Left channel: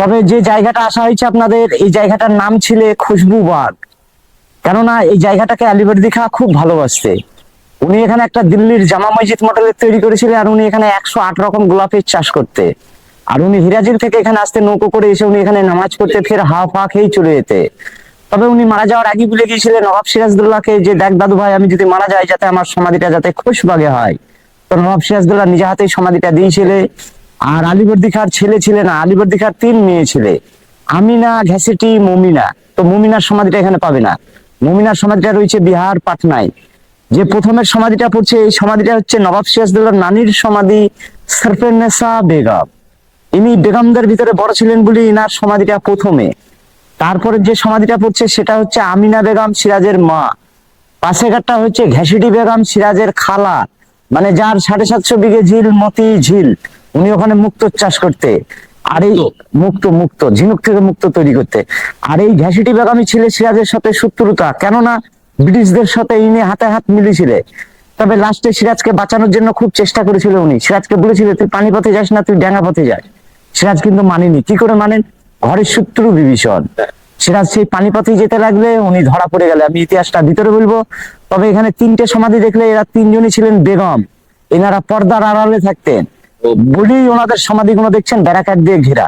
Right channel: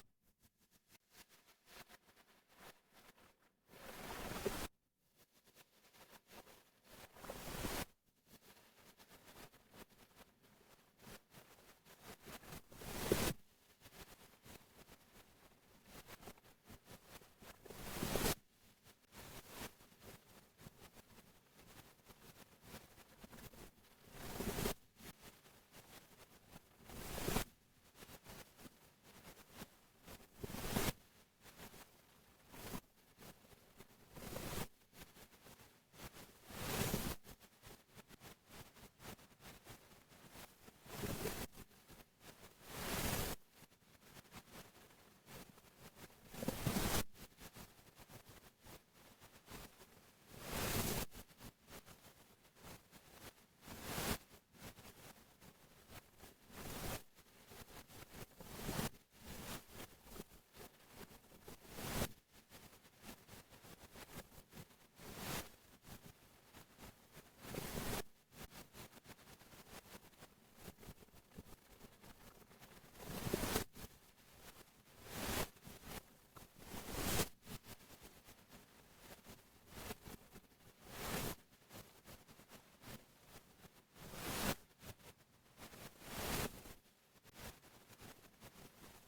তবে যে জায়গাটা আসা হয়েছে আপনাদের, এই জায়গাটার নাম ছিল খুশবু বাগ। কেননা এই জায়গাটাকে আলীবর্দী খাঁ খুব ভালোবাসতে। উনি এখানে একটা দিল্লির জামা মসজিদ মডেলের তৈরি করেছিলেন, আর উনি এখানে 108 রকম গোলাপের চাষ করতে। আর উনি হিরাজিল থেকে এখানে আসতে নৌকো করে এসে উনি এখানে নামাজ পড়তে, ফের হাওয়া ফা খেয়েই চলে যেতে। তবে উনি মারা যাওয়ার আগে বলে গিয়েছিলেন নবাব সিরাজদৌল্লাহকে যে, দেখ দাদু ভাই, আমি যদি মারা যাই যাতে আমার সমাধিটা যাতে খুশবাগে হয়। তো নবাব সিরাজদৌল্লাহ নিজে হাতেই সমাধিটা দিয়েছিলে। আর আলীবর্দী খাঁর ছেলে ছিল না, আলীবর্দী খাঁর 3 মেয়ে ছিলে, আমিনা, ঘ্যাসেটি, মমিনা। তো মমিনার সমাধিটা এখানে পাবে না। মমিনার সমাধিটা রয়েছে বিহার পাটনায়। যে প্রথমের সমাধিটা পড়ছে, এই সমাধিটা হচ্ছে নবাব সিরাজদৌল্লাহর নানির সমাধি, সরফেন্নেসা বেগম। ইনি বেগমদের ভিতরে বড় ছিলেন বলে ইনার সমাধিটা প্রথমে। তারপরে যে সমাধিটা পড়ছে সেটা হচ্ছে আমিনা বেগম, সিরাজের মা। পাশেঘাটটা হচ্ছে ঘ্যাসিটি বেগম, সিরাজের খালা, মানে যার 750 বিঘে ঝিল, মতি ঝিল। উনি ওখানে মুক্ত চাষ করতে। আর এই মুক্ত মুক্ত ঝিনুক থেকে মুক্ত তৈরি করতে। আর এই ঘ্যাসিটি বেগমই ছিল সিরাজের সাথে শত্রুতা, কেননা ব্রিটিশদের সাথে ইনি হাতে হাত মিলিয়েছিল। তবে লাস্টে সিরাজকে বাঁচানোর জন্য খুব চেষ্টা করেছিল উনি। সিরাজকে বলেছিল, তুই পানিপথে যাস না, তুই ডেঙ্গা পথে যাস। সিরাজ কিন্তু মানেনি। কি করে মানেন? ঘরের শত্রু বিভীষণ। সিরাজ সেই পানিপথে যেতে লাগলে উনি ধরা পড়ে গেলে। আমি ইতিহাসটা ভিতরে বলবো। তবে এখানে 3টে সমাধি দেখলে এরা 3জনই ছিলেন বেগম। এনারা পর্দার আড়ালে থাকতেন বলেই ওনাদের সমাধিগুলো দেখছেন ব্যারাকার দিয়ে ঘেরা।